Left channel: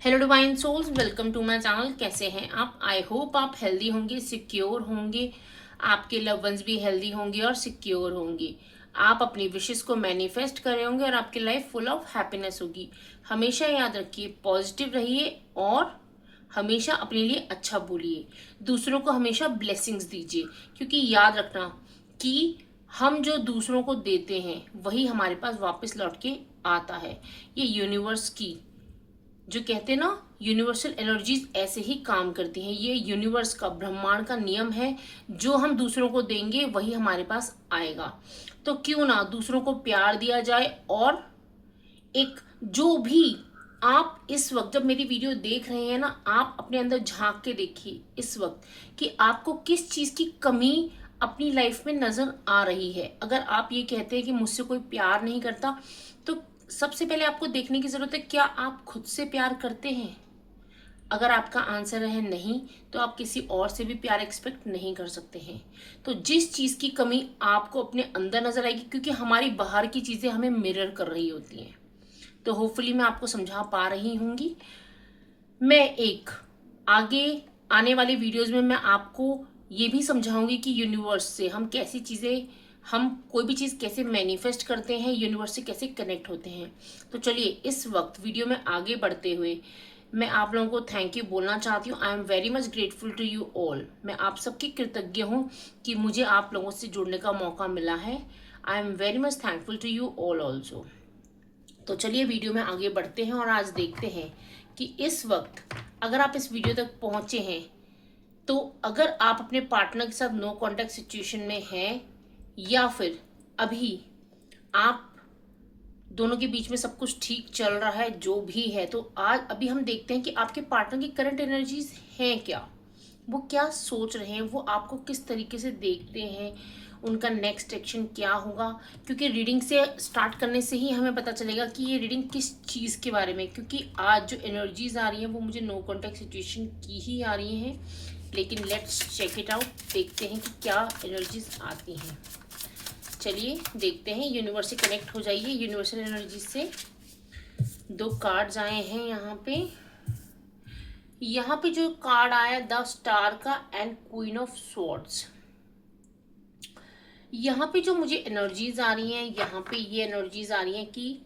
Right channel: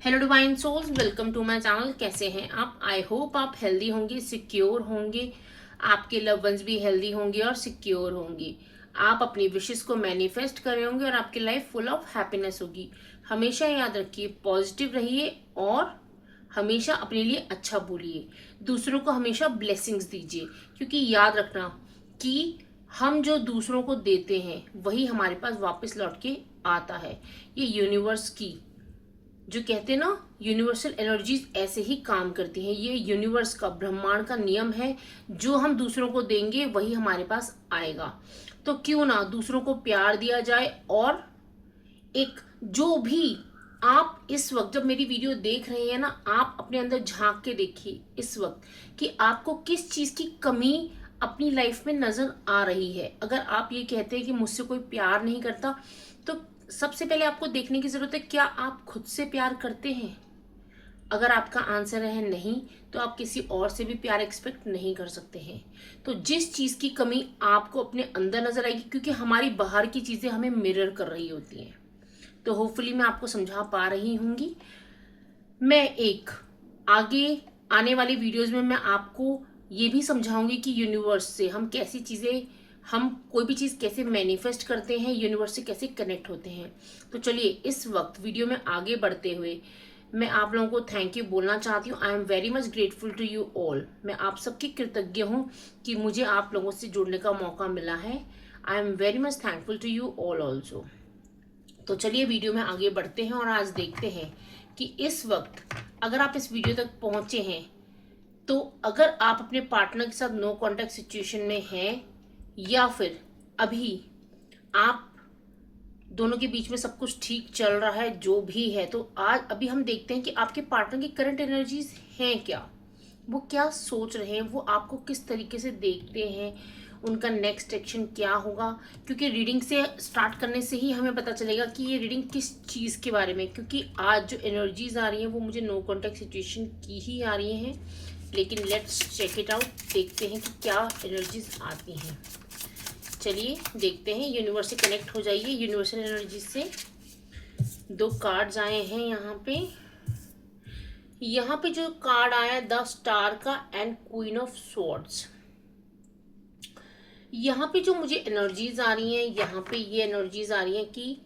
Hello divine souls, welcome to my channel. कैसे हैं आप? आई होप आप हेल्दी होंगे, सिक्योर होंगे, आपके लव वंस भी हेल्दी होंगे और सिक्योर होंगे। आप अपनी विशेस को मैनिफेस्ट कर रहे होंगे और आपकी लाइफ फुल ऑफ हैप्पीनेस होगी। हमेशा याद रखिए, पॉजिटिव रहिए और हमेशा अपने लिए अच्छा बोलिए। दूसरों को हमेशा ब्लेसिंग्स दीजिए, क्योंकि याद रखना कि हम जो दूसरों को देते हैं वही हमारे पास वापस लौट के आता है। ये यूनिवर्स की जो कहते हैं ना, यूनिवर्सल एनर्जीज ऐसे ही काम करती हैं। ये यूनिवर्स का, ब्रह्मांड का नियम है। जो हम दूसरों को देंगे वही हमारे पास आएगा। तो क्यों ना दूसरों को प्यार दिया जाए। और एक जो भी आप इस वक्त जब मेरी वीडियो देख रहे हैं ना, आप अपने अंदर झांक के देखिए इस वक्त कि आपको किस चीज की कमी अपनी लाइफ में नजर आ रही है। अगर आप ये कहते हैं कि मुझसे कोई प्यार नहीं करता, तो सबसे पहले आपको देखने की जरूरत है, क्या आप खुद से प्यार करते हैं? अगर आपका आंसर है नहीं, तो आप किसी और से भी प्यार एक्सपेक्ट नहीं कर सकते हैं। तो जिस चीज की कमी आपको अपने अंदर नजर आएगी, क्योंकि हमारी बाहर की चीजें हमें मिरर कर रही होती हैं, तो होपफुली मैं आपको समझा पा रही हूँगी। मैं एक आगे आने वाली वीडियोस में मैं आपको ये भी समझाऊंगी कि यूनिवर्स से हम कैसी चीज़ें, हम कोई भी चीज़ कैसे मैनिफेस्ट करते हैं, यूनिवर्स से कैसे कनेक्ट होते हैं। तो चलिए इस वक्त वीडियो में आगे बढ़ते हुए मैं आप लोगों को थैंक यू बोलना चाहती हूँ। I am very much grateful to you all. मैं आप सबकी कृतज्ञ हूँ कि मुझे आप लोगों से जुड़ने का मौका मिला है। I am very much thankful to you all also. तो चलिए वीडियो में आगे बढ़ते हैं और आज देखते हैं कि इस वक्त अगर आप इस वीडियो तक पहुंचे हैं, तो अगर आप अपने पार्टनर के साथ नो कांटेक्ट सिचुएशन में हैं या फिर अभी आप दोनों के बीच में सब कुछ ठीक चल रहा है, जो भी है, तो आज अभी हम देखते हैं कि आपके पार्टनर की करंट एनर्जीज हैं क्या, वो क्या सोच रहे हैं, वो आपको किस तरीके से देखते हैं, उनका नेक्स्ट एक्शन क्या होगा। क्योंकि रीडिंग से स्टार्ट करने से ही हमें पता चलेगा कि ये रीडिंग किस चीज़ के बारे में, क्योंकि आज जो एनर्जीज आ रही हैं वो मुझे नो कॉन्टेक्ट सिचुएशन की ही आ रही हैं। लेकिन लेट्स चेक इट आउट, देखते हैं कि क्या एनर्जीज आती हैं। चलिए देखते हैं, यूनिवर्स से कनेक्ट हो जाइए। यूनिवर्सल एनर्जी से दो कार्ड्स आए हैं यहाँ पे जो कार्ड आया द स्टार का एंड क्वीन ऑफ स्वॉर्ड्स। यहाँ पे जो मुझे एनर्जीज आ रही हैं, यहाँ पे ये एनर्जीज आ रही हैं कि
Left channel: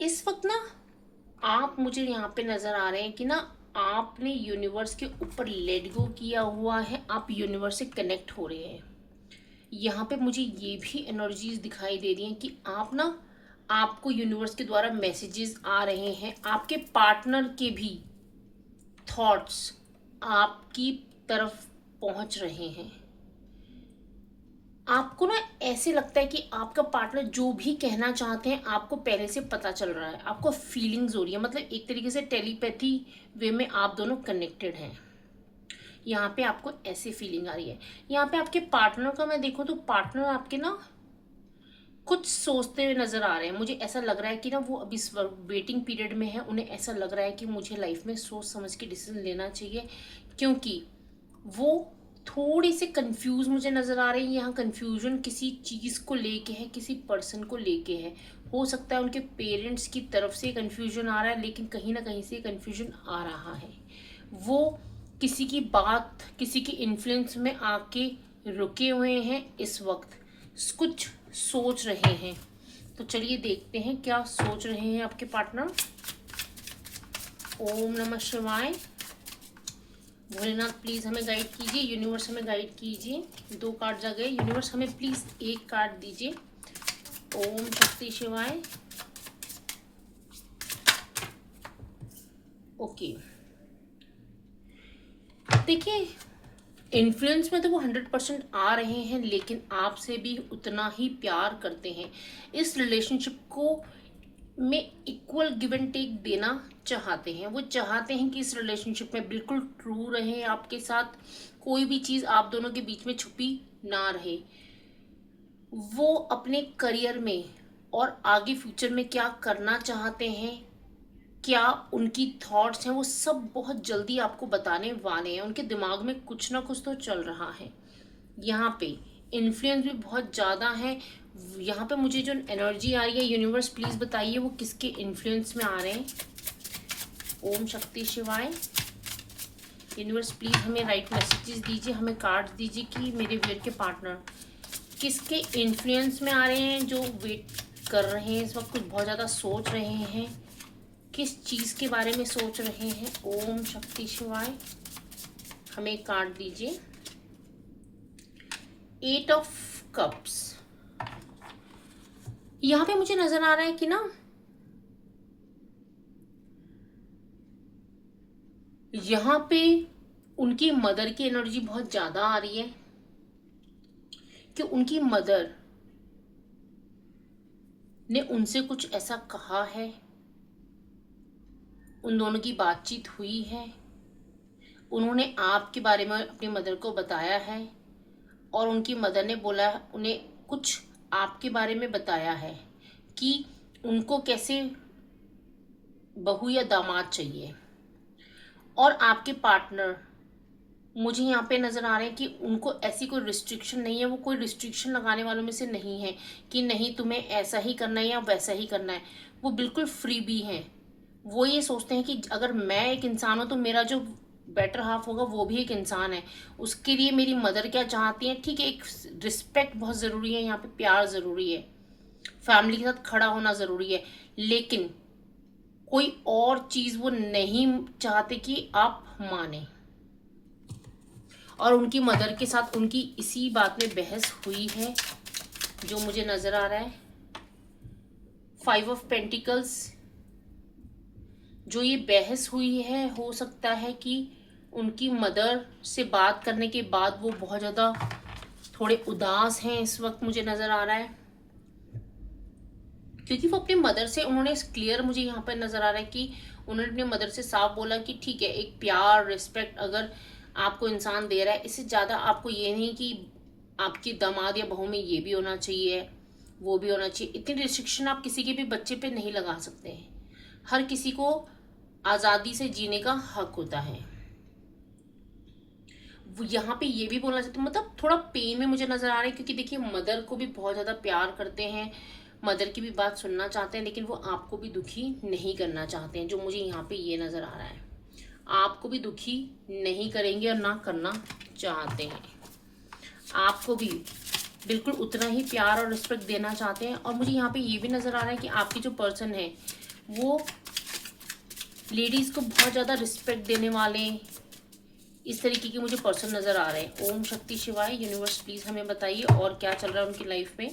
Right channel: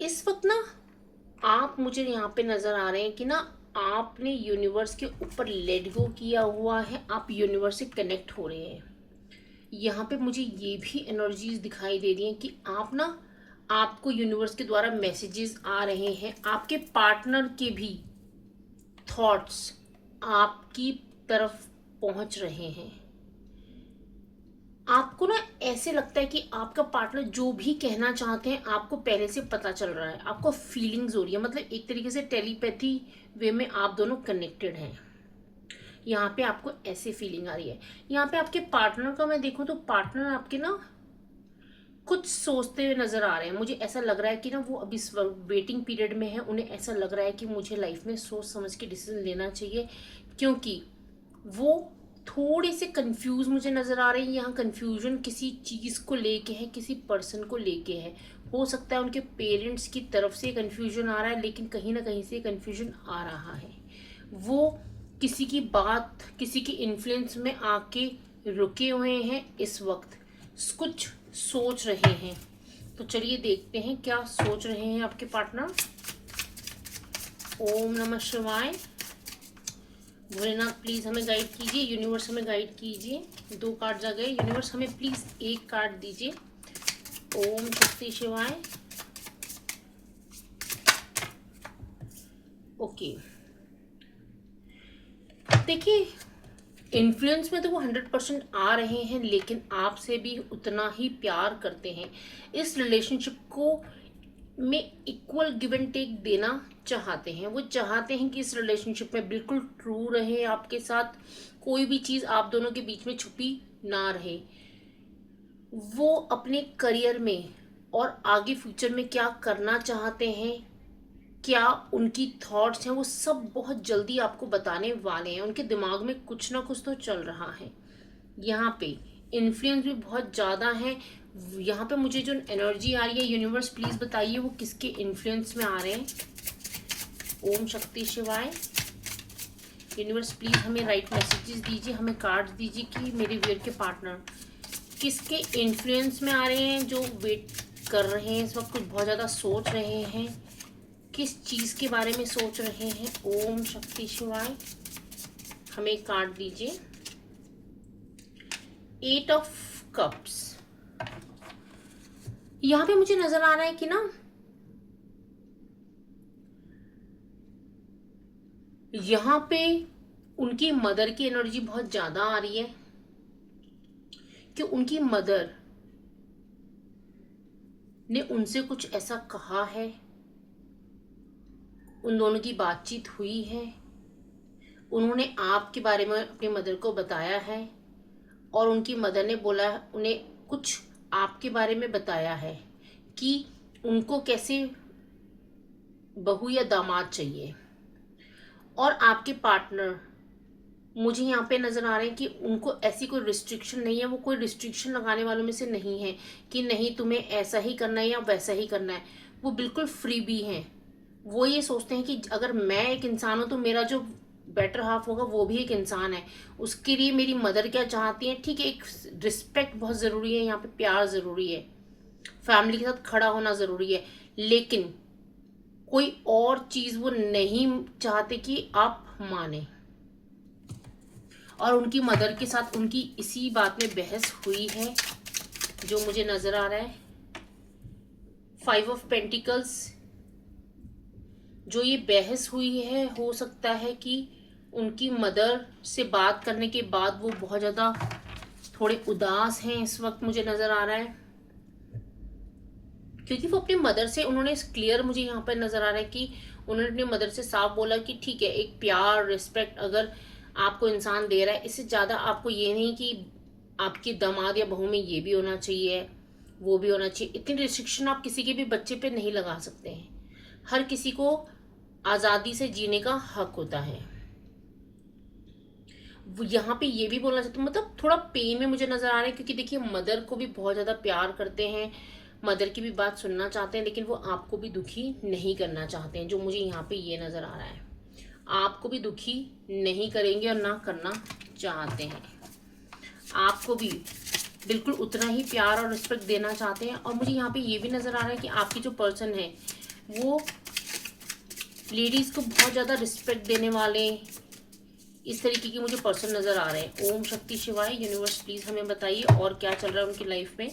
इस वक्त ना आप, मुझे यहाँ पे नजर आ रहे हैं कि ना आपने यूनिवर्स के ऊपर लेट गो किया हुआ है, आप यूनिवर्स से कनेक्ट हो रहे हैं। यहाँ पे मुझे ये भी एनर्जीज दिखाई दे रही हैं कि आप ना, आपको यूनिवर्स के द्वारा मैसेजेस आ रहे हैं, आपके पार्टनर के भी थॉट्स आपकी तरफ पहुंच रहे हैं। आपको ना ऐसे लगता है कि आपका पार्टनर जो भी कहना चाहते हैं आपको पहले से पता चल रहा है, आपको फीलिंग्स हो रही है, मतलब एक तरीके से टेलीपैथी वे में आप दोनों कनेक्टेड हैं। यहाँ पे आपको ऐसे फीलिंग आ रही है। यहाँ पे आपके पार्टनर का मैं देखूँ तो पार्टनर आपके ना कुछ सोचते हुए नजर आ रहे हैं। मुझे ऐसा लग रहा है कि ना वो अभी वेटिंग पीरियड में है, उन्हें ऐसा लग रहा है कि मुझे लाइफ में सोच समझ के डिसीजन लेना चाहिए, क्योंकि वो थोड़ी सी कंफ्यूज मुझे नजर आ रही है। यहाँ कंफ्यूजन किसी चीज को लेके है, किसी पर्सन को लेके है। हो सकता है उनके पेरेंट्स की तरफ से कंफ्यूजन आ रहा है, लेकिन कहीं ना कहीं से कंफ्यूजन आ रहा है। वो किसी की बात, किसी के इन्फ्लुएंस में आके रुके हुए हैं, इस वक्त कुछ सोच रहे हैं। तो चलिए देखते हैं क्या सोच रहे हैं आपके पार्टनर। ओम नमः शिवाय। भोलेनाथ प्लीज हमें गाइड कीजिए, यूनिवर्स हमें गाइड कीजिए। दो कार्ड आ गए, यूनिवर्स हमें प्लीज एक कार्ड दीजिए। ओम शक्ति शिवाय। ओके, देखिए इन्फ्लुएंस में तो वो 100% आ रहे हैं, लेकिन आपसे भी उतना ही प्यार करते हैं। इस रिलेशनशिप को में इक्वल गिव एंड टेक देना चाहते हैं। वो चाहते हैं कि इस रिलेशनशिप में बिल्कुल ट्रू रहे आपके साथ, कोई भी चीज़ आप दोनों के बीच में छुपी ना रहे। वो अपने करियर में और आगे फ्यूचर में क्या करना चाहते हैं, क्या उनकी थॉट्स हैं, वो सब बहुत जल्दी आपको बताने वाले हैं। उनके दिमाग में कुछ ना कुछ तो चल रहा है। यहाँ पे इन्फ्लुएंस भी बहुत ज़्यादा है। यहाँ पे मुझे जो एनर्जी आ रही है, यूनिवर्स प्लीज़ बताइए वो किसके इन्फ्लुएंस में आ रहे हैं। ओम शक्ति शिवाय। यूनिवर्स प्लीज हमें राइट मैसेजेस दीजिए, हमें कार्ड्स दीजिए कि मेरे व्यूअर के पार्टनर किसके इन्फ्लुएंस में आ रहे हैं, जो वेट कर रहे हैं इस वक्त, कुछ बहुत ज़्यादा सोच रहे हैं, किस चीज़ के बारे में सोच रहे हैं। ओम शक्ति शिवाय। हमें एक कार्ड दीजिए। 8 ऑफ कप्स। यहाँ पे मुझे नजर आ रहा है कि ना यहाँ पे उनकी मदर की एनर्जी बहुत ज़्यादा आ रही है कि उनकी मदर ने उनसे कुछ ऐसा कहा है, उन दोनों की बातचीत हुई है, उन्होंने आपके बारे में अपनी मदर को बताया है और उनकी मदर ने बोला, उन्हें कुछ आपके बारे में बताया है कि उनको कैसे बहू या दामाद चाहिए। और आपके पार्टनर मुझे यहाँ पे नज़र आ रहे हैं कि उनको ऐसी कोई रिस्ट्रिक्शन नहीं है, वो कोई रिस्ट्रिक्शन लगाने वालों में से नहीं है कि नहीं तुम्हें ऐसा ही करना है या वैसा ही करना है। वो बिल्कुल फ्री भी हैं। वो ये सोचते हैं कि अगर मैं एक इंसान हूँ तो मेरा जो बेटर हाफ होगा वो भी एक इंसान है, उसके लिए मेरी मदर क्या चाहती है, ठीक है, एक रिस्पेक्ट बहुत ज़रूरी है, यहाँ पे प्यार ज़रूरी है, फैमिली के साथ खड़ा होना ज़रूरी है, लेकिन कोई और चीज़ वो नहीं चाहते कि आप माने। और उनकी मदर के साथ उनकी इसी बात में बहस हुई है जो मुझे नज़र आ रहा है। 5 ऑफ पेंटिकल्स। जो ये बहस हुई है, हो सकता है कि उनकी मदर से बात करने के बाद वो बहुत ज़्यादा थोड़े उदास हैं इस वक्त, मुझे नज़र आ रहा है, क्योंकि वो अपनी मदर से उन्होंने क्लियर, मुझे यहाँ पर नज़र आ रहा है कि उन्होंने अपनी मदर से साफ बोला कि ठीक है, एक प्यार रिस्पेक्ट अगर आपको इंसान दे रहा है, इससे ज़्यादा आपको ये नहीं कि आपकी दामाद या बहू में ये भी होना चाहिए वो भी होना चाहिए। इतनी रिस्ट्रिक्शन आप किसी के भी बच्चे पे नहीं लगा सकते हैं। हर किसी को आज़ादी से जीने का हक होता है। वो यहाँ पे ये भी बोलना चाहते, मतलब थोड़ा पेन में मुझे नज़र आ रहा है, क्योंकि देखिए मदर को भी बहुत ज़्यादा प्यार करते हैं, मदर की भी बात सुनना चाहते हैं, लेकिन वो आपको भी दुखी नहीं करना चाहते हैं, जो मुझे यहाँ पे ये नज़र आ रहा है। आपको भी दुखी नहीं करेंगे और ना करना चाहते हैं, आपको भी बिल्कुल उतना ही प्यार और रिस्पेक्ट देना चाहते हैं। और मुझे यहाँ पे ये भी नज़र आ रहा है कि आपकी जो पर्सन है वो लेडीज़ को बहुत ज़्यादा रिस्पेक्ट देने वाले, इस तरीके की मुझे पर्सन नज़र आ रहे हैं। ओम शक्ति शिवाय। यूनिवर्स प्लीज़ हमें बताइए और क्या चल रहा है उनकी लाइफ में।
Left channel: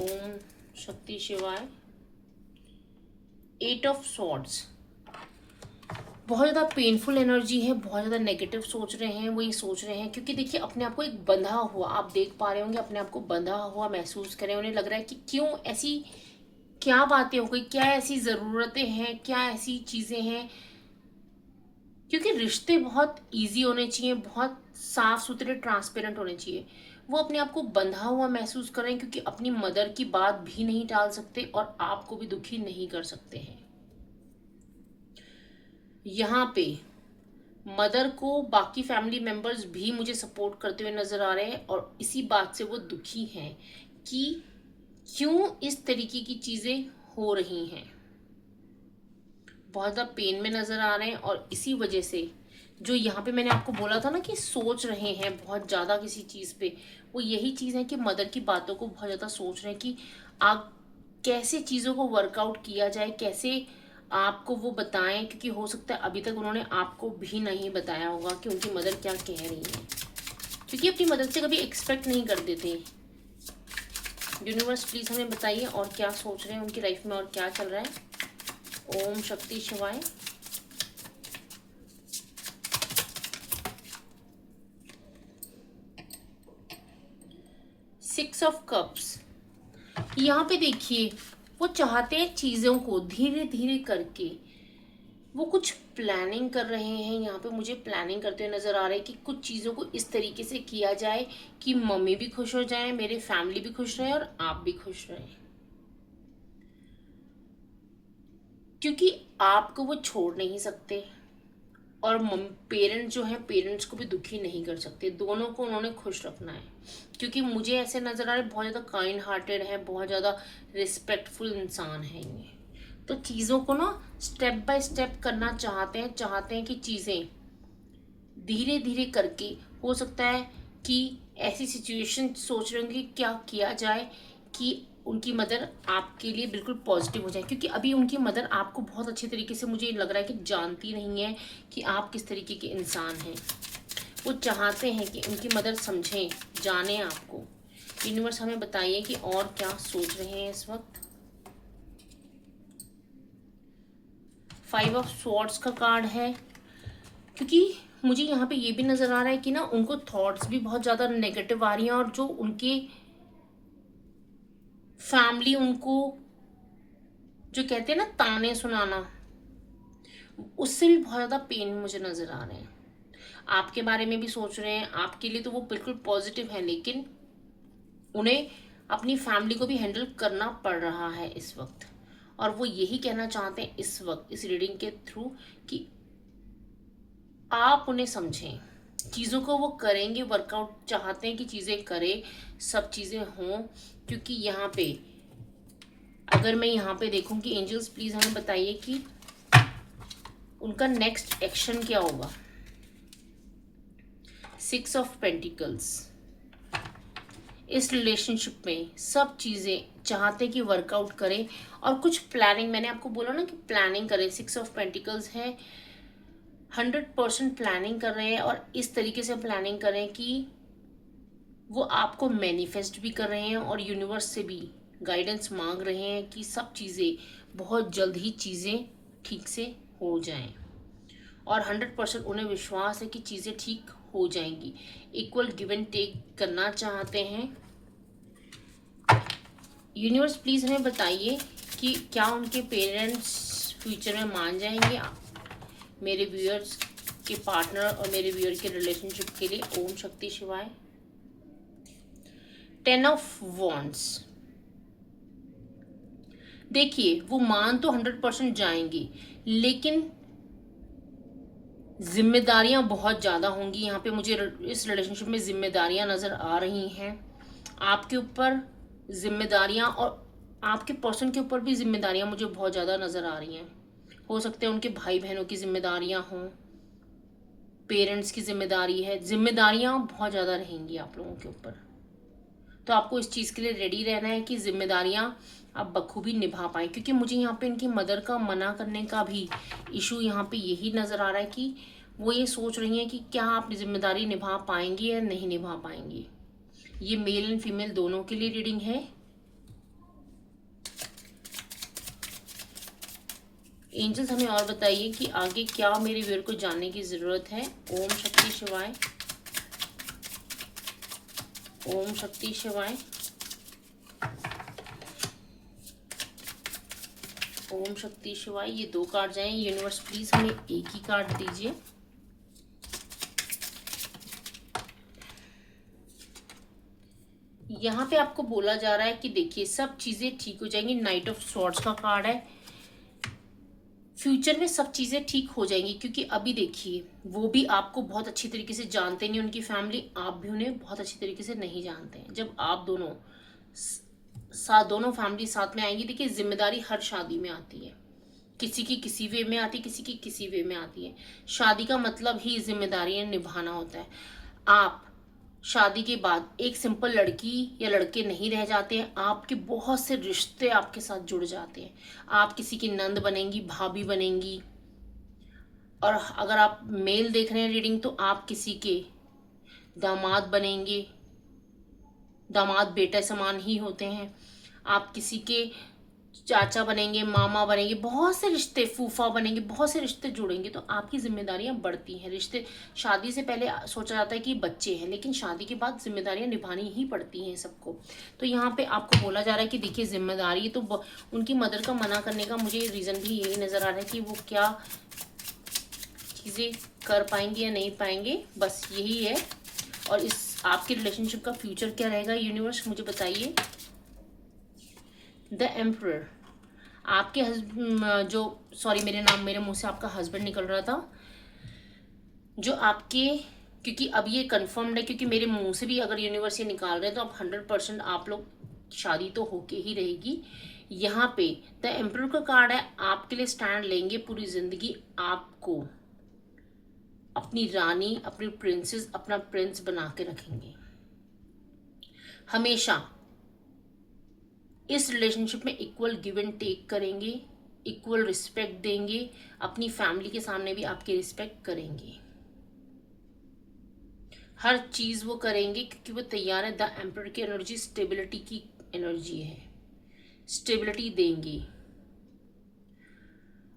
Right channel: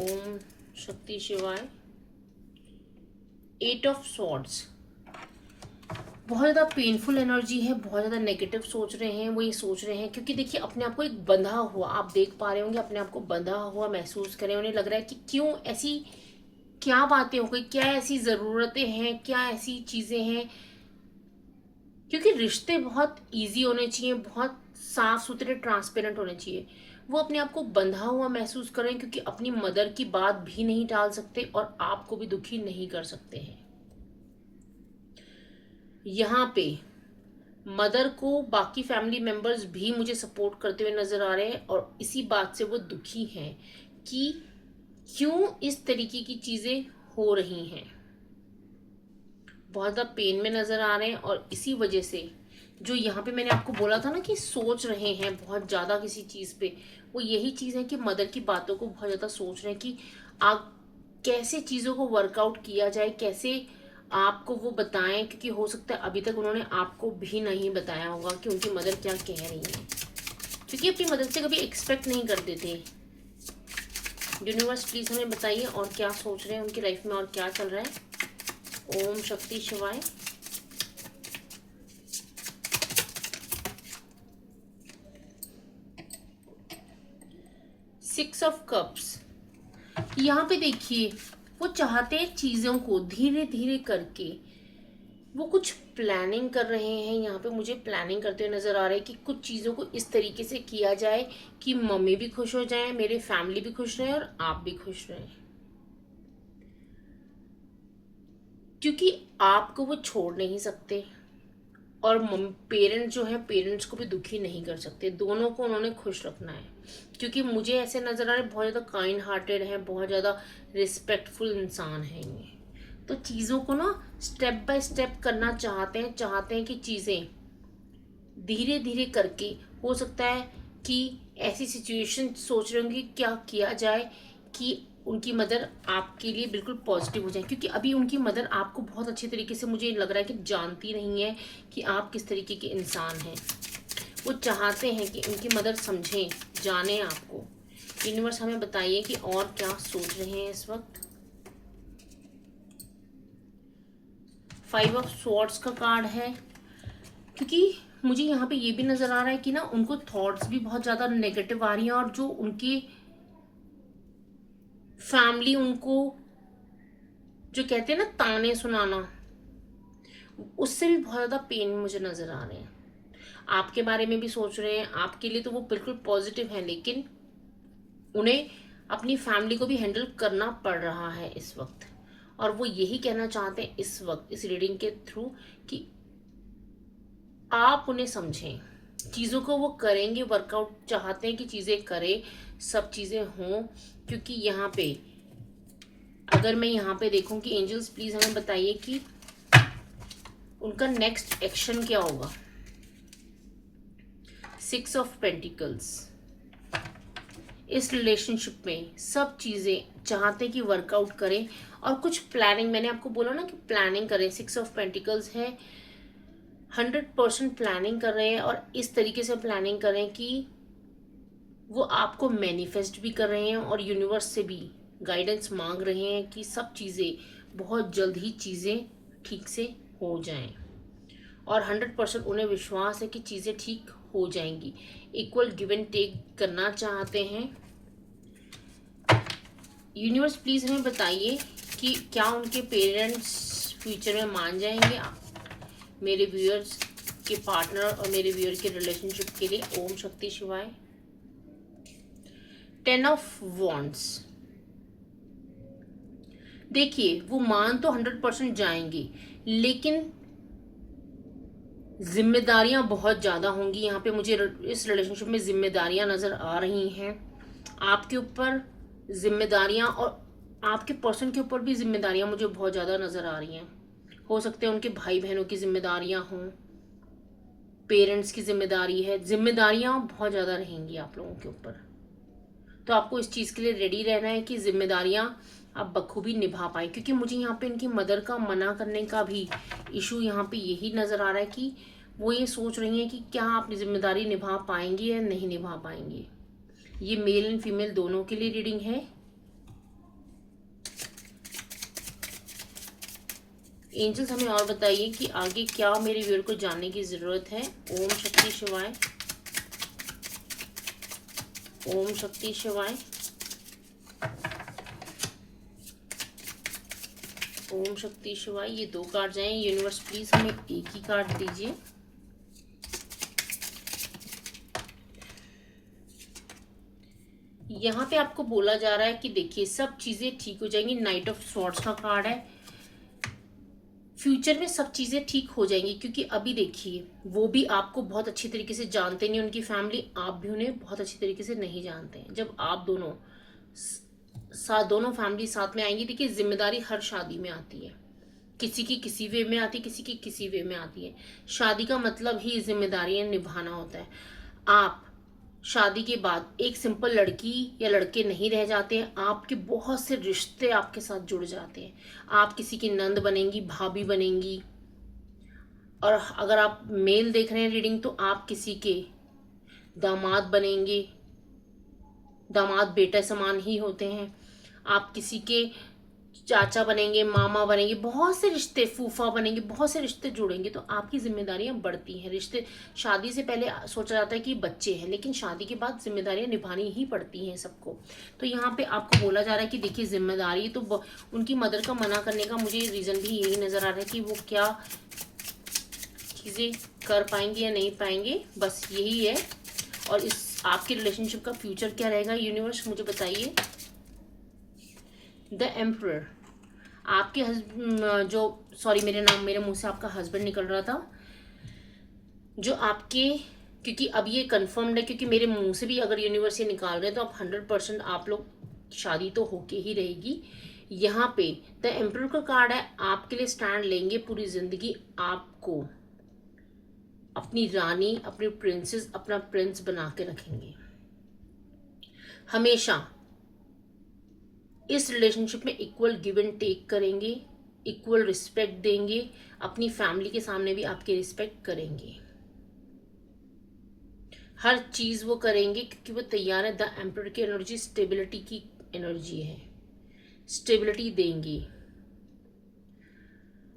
ओम शक्ति शिवाय। 8 ऑफ सॉर्ड्स। बहुत ज़्यादा पेनफुल एनर्जी है, बहुत ज़्यादा नेगेटिव सोच रहे हैं, वो ये सोच रहे हैं, क्योंकि देखिए अपने आप को एक बंधा हुआ, आप देख पा रहे होंगे, अपने आप को बंधा हुआ महसूस करें, उन्हें लग रहा है कि क्यों ऐसी क्या बातें हो गई, क्या ऐसी ज़रूरतें हैं, क्या ऐसी चीज़ें हैं, क्योंकि रिश्ते बहुत ईजी होने चाहिए, बहुत साफ सुथरे ट्रांसपेरेंट होने चाहिए। वो अपने आप को बंधा हुआ महसूस कर रहे हैं, क्योंकि अपनी मदर की बात भी नहीं टाल सकते और आपको भी दुखी नहीं कर सकते हैं। यहाँ पे मदर को बाकी फैमिली मेंबर्स भी मुझे सपोर्ट करते हुए नजर आ रहे हैं और इसी बात से वो दुखी हैं कि क्यों इस तरीके की चीजें हो रही हैं, बहुत ज़्यादा पेन में नजर आ रहे हैं। और इसी वजह से जो यहाँ पे मैंने आपको बोला था ना कि सोच रहे हैं बहुत ज़्यादा किसी चीज़ पे, वो यही चीज़ है कि मदर की बातों को बहुत ज़्यादा सोच रहे हैं कि आप कैसे चीज़ों को वर्कआउट किया जाए, कैसे आपको वो बताएं, क्योंकि हो सकता है अभी तक उन्होंने आपको भी नहीं बताया होगा कि उनकी मदर क्या कह रही है, क्योंकि अपनी मदर से कभी एक्सपेक्ट नहीं करते थे। यूनिवर्स प्लीज हमें बताइए और क्या सोच रहे हैं उनकी लाइफ में और क्या चल रहा है। ओम शक्ति शिवाय। Six of cups. यहाँ पे देखिए वो चाहते हैं चीज़ों को धीरे धीरे करके, वो कुछ प्लानिंग कर रहे हैं। यहाँ पे मुझे प्लानिंग करते हुए नज़र आ रहा है कि कुछ चीज़ों को इस तरीके से किया जाए कि मम्मी भी खुश हो जाए, मेरे फैमिली भी खुश रहे और आप भी खुश रहे, क्योंकि आपको वो छोड़ नहीं सकते और पेरेंट्स जो है, पेरेंट्स को भी दुखी नहीं कर सकते, दोनों को उन्होंने खुश रखना है। क्योंकि मुझे ऐसे नज़र आ रहा है बहुत ज़्यादा काइंड हार्टेड है, बहुत ज़्यादा रिस्पेक्टफुल इंसान है ये। तो चीज़ों को ना स्टेप बाय स्टेप करना चाहते हैं कि चीज़ें धीरे धीरे करके, हो सकता है कि ऐसी सिचुएशन सोच रहे होंगे क्या किया जाए कि उनकी मदर आपके लिए बिल्कुल पॉजिटिव हो जाए। क्योंकि अभी उनकी मदर आपको बहुत अच्छी तरीके से, मुझे लग रहा है कि जानती नहीं है कि आप किस तरीके के इंसान हैं। वो चाहते हैं कि उनकी मदर समझें, जाने आपको। यूनिवर्स हमें बताइए कि और क्या सोच रहे हैं इस वक्त। 5 ऑफ स्वॉर्ड्स का कार्ड है। क्योंकि मुझे यहाँ पे ये भी नज़र आ रहा है कि ना उनको थॉट्स भी बहुत ज़्यादा नेगेटिव आ रही हैं, और जो उनके फैमिली उनको जो कहते हैं ना ताने सुनाना, उससे भी बहुत ज़्यादा पेन मुझे नज़र आ रहे हैं। आपके बारे में भी सोच रहे हैं, आपके लिए तो वो बिल्कुल पॉजिटिव है, लेकिन उन्हें अपनी फैमिली को भी हैंडल करना पड़ रहा है इस वक्त। और वो यही कहना चाहते हैं इस वक्त इस रीडिंग के थ्रू कि आप उन्हें समझें, चीज़ों को वो करेंगे, वर्कआउट चाहते हैं कि चीज़ें करें, सब चीज़ें हों। क्योंकि यहाँ पे अगर मैं यहाँ पे देखूँ कि एंजल्स प्लीज़ हमें बताइए कि उनका नेक्स्ट एक्शन क्या होगा। 6 ऑफ पेंटिकल्स, इस रिलेशनशिप में सब चीज़ें चाहते हैं कि वर्कआउट करें, और कुछ प्लानिंग, मैंने आपको बोला ना कि प्लानिंग करें। 6 ऑफ पेंटिकल्स है, 100% प्लानिंग कर रहे हैं, और इस तरीके से प्लानिंग करें कि वो आपको मैनिफेस्ट भी कर रहे हैं, और यूनिवर्स से भी गाइडेंस मांग रहे हैं कि सब चीज़ें बहुत जल्द ही चीज़ें ठीक से हो जाएं, और 100% उन्हें विश्वास है कि चीज़ें ठीक हो जाएंगी। इक्वल गिव एंड टेक करना चाहते हैं। यूनिवर्स प्लीज़ हमें बताइए कि क्या उनके पेरेंट्स फ्यूचर में मान जाएंगे मेरे व्यूअर्स के पार्टनर और मेरे व्यूअर के रिलेशनशिप के लिए। ओम शक्ति शिवाय। 10 ऑफ वॉन्ड्स, देखिए वो मान तो 100% जाएंगे, लेकिन जिम्मेदारियां बहुत ज़्यादा होंगी। यहाँ पे मुझे इस रिलेशनशिप में जिम्मेदारियां नज़र आ रही हैं आपके ऊपर, जिम्मेदारियां, और आपके पर्सन के ऊपर भी जिम्मेदारियां मुझे बहुत ज़्यादा नज़र आ रही हैं। हो सकते हैं उनके भाई बहनों की जिम्मेदारियां हों, पेरेंट्स की जिम्मेदारी है, जिम्मेदारियां बहुत ज़्यादा रहेंगी आप लोगों के ऊपर। तो आपको इस चीज़ के लिए रेडी रहना है कि जिम्मेदारियां आप बखूबी निभा पाएँ। क्योंकि मुझे यहाँ पे इनकी मदर का मना करने का भी इशू यहाँ पे यही नज़र आ रहा है कि वो ये सोच रही हैं कि क्या आप जिम्मेदारी निभा पाएंगे या नहीं निभा पाएंगे। ये मेल एंड फीमेल दोनों के लिए रीडिंग है। एंजल्स हमें और बताइए कि आगे क्या मेरे व्यूअर को जानने की ज़रूरत है। ओम शक्ति शिवाय, ओम शक्ति शिवाय, ओम शक्ति शिवाय। ये 2 कार्ड जाएं। यूनिवर्स प्लीज हमें एक ही कार्ड दीजिए। यहाँ पे आपको बोला जा रहा है कि देखिए सब चीजें ठीक हो जाएंगी। नाइट ऑफ स्वॉर्ड्स का कार्ड है। फ्यूचर में सब चीजें ठीक हो जाएंगी, क्योंकि अभी देखिए वो भी आपको बहुत अच्छी तरीके से जानते नहीं, उनकी फैमिली, आप भी उन्हें बहुत अच्छी तरीके से नहीं जानते हैं। जब आप दोनों फैमिली साथ में आएंगी, देखिए जिम्मेदारी हर शादी में आती है, किसी की किसी वे में आती है, किसी की किसी वे में आती है। शादी का मतलब ही जिम्मेदारियां निभाना होता है। आप शादी के बाद एक सिंपल लड़की या लड़के नहीं रह जाते हैं, आपके बहुत से रिश्ते आपके साथ जुड़ जाते हैं। आप किसी की नंद बनेंगी, भाभी बनेंगी, और अगर आप मेल देख रहे हैं रीडिंग, तो आप किसी के दामाद बनेंगे। दामाद बेटे समान ही होते हैं। आप किसी के चाचा बनेंगे, मामा बनेंगे, बहुत से रिश्ते, फूफा बनेंगे, बहुत से रिश्ते जुड़ेंगे। तो आपकी जिम्मेदारियां बढ़ती हैं। रिश्ते, शादी से पहले सोचा जाता है कि बच्चे हैं, लेकिन शादी के बाद जिम्मेदारियां निभानी ही पड़ती हैं सबको। तो यहाँ पे आपको बोला जा रहा है कि देखिए जिम्मेदारी तो उनकी मदर का मना करने का मुझे रीज़न भी यही नज़र आ रहा है कि वो क्या चीज़ें कर पाएंगे या नहीं पाएंगे, बस यही है। और इस आपके रिलेशनशिप का फ्यूचर क्या रहेगा, यूनिवर्स मुझे बताइए। द एम्परर, आपके मेरे मुंह से आपका हस्बैंड निकल रहा था। जो आपके, क्योंकि अब ये कंफर्म्ड है, क्योंकि मेरे मुंह से भी अगर यूनिवर्स ये निकाल रहे हैं तो अब 100% आप लोग शादी तो होके ही रहेगी। यहाँ पे द एम्परर का कार्ड है, आपके लिए स्टैंड लेंगे पूरी जिंदगी, आपको अपनी रानी, अपनी प्रिंसेस, अपना प्रिंस बना के रखेंगे। हमेशा इस रिलेशनशिप में इक्वल गिव एंड टेक करेंगे, इक्वल रिस्पेक्ट देंगे, अपनी फैमिली के सामने भी आपकी रिस्पेक्ट करेंगे। हर चीज वो करेंगे क्योंकि वो तैयार है। द एम्परर की एनर्जी स्टेबिलिटी की एनर्जी है, स्टेबिलिटी देंगे।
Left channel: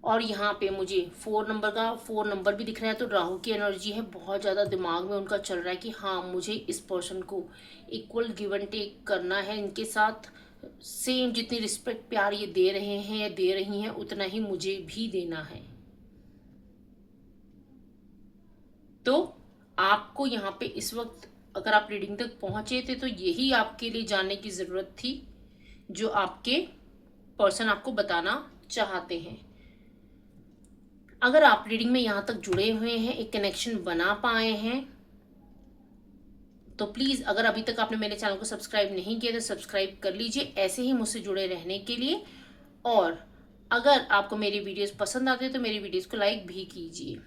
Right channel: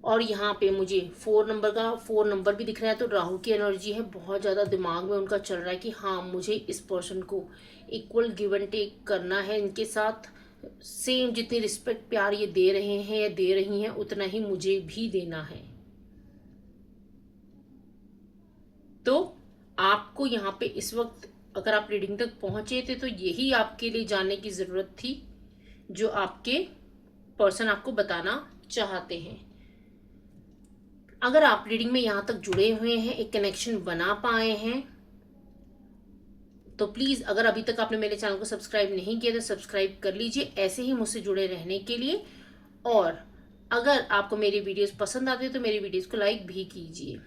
और यहाँ पे मुझे 4 नंबर भी दिख रहा है, तो राहु की एनर्जी है, बहुत ज़्यादा दिमाग में उनका चल रहा है कि हाँ मुझे इस पर्सन को इक्वल गिव एंड टेक करना है, इनके साथ सेम जितनी रिस्पेक्ट प्यार ये दे रहे हैं या दे रही हैं उतना ही मुझे भी देना है। तो आपको यहाँ पे इस वक्त अगर आप रीडिंग तक पहुंचे थे तो यही आपके लिए जानने की ज़रूरत थी जो आपके पर्सन आपको बताना चाहते हैं। अगर आप रीडिंग में यहाँ तक जुड़े हुए हैं, एक कनेक्शन बना पाए हैं, तो प्लीज़ अगर अभी तक आपने मेरे चैनल को सब्सक्राइब नहीं किया तो सब्सक्राइब कर लीजिए ऐसे ही मुझसे जुड़े रहने के लिए। और अगर आपको मेरी वीडियोस पसंद आती है तो मेरी वीडियोस को लाइक भी कीजिए।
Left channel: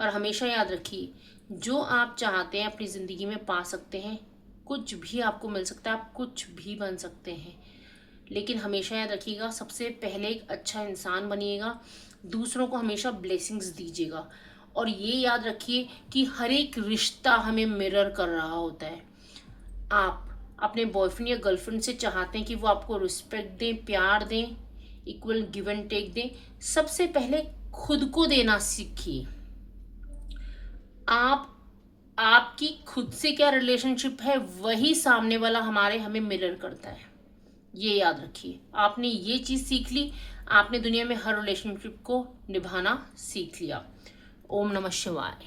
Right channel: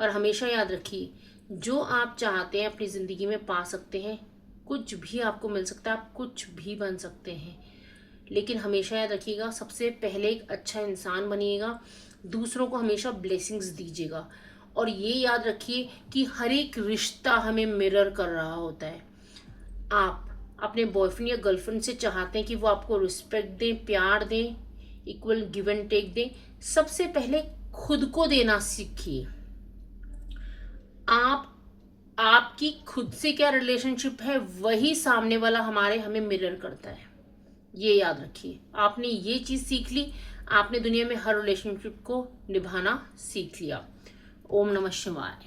और हमेशा याद रखिए, जो आप चाहते हैं अपनी ज़िंदगी में पा सकते हैं, कुछ भी आपको मिल सकता है, आप कुछ भी बन सकते हैं। लेकिन हमेशा याद रखिएगा, सबसे पहले एक अच्छा इंसान बनिएगा, दूसरों को हमेशा ब्लेसिंग्स दीजिएगा। और ये याद रखिए कि हर एक रिश्ता हमें मिरर कर रहा होता है। आप अपने बॉयफ्रेंड या गर्लफ्रेंड से चाहते हैं कि वो आपको रिस्पेक्ट दें, प्यार दें, इक्वल गिव एंड टेक दें, सबसे पहले खुद को देना सीखिए। आपकी खुद से क्या रिलेशनशिप है वही सामने वाला हमें मिरर करता है। ये याद रखिए, आपने ये चीज सीख ली, आपने दुनिया में हर रिलेशनशिप को निभाना सीख लिया। ओम नमः शिवाय।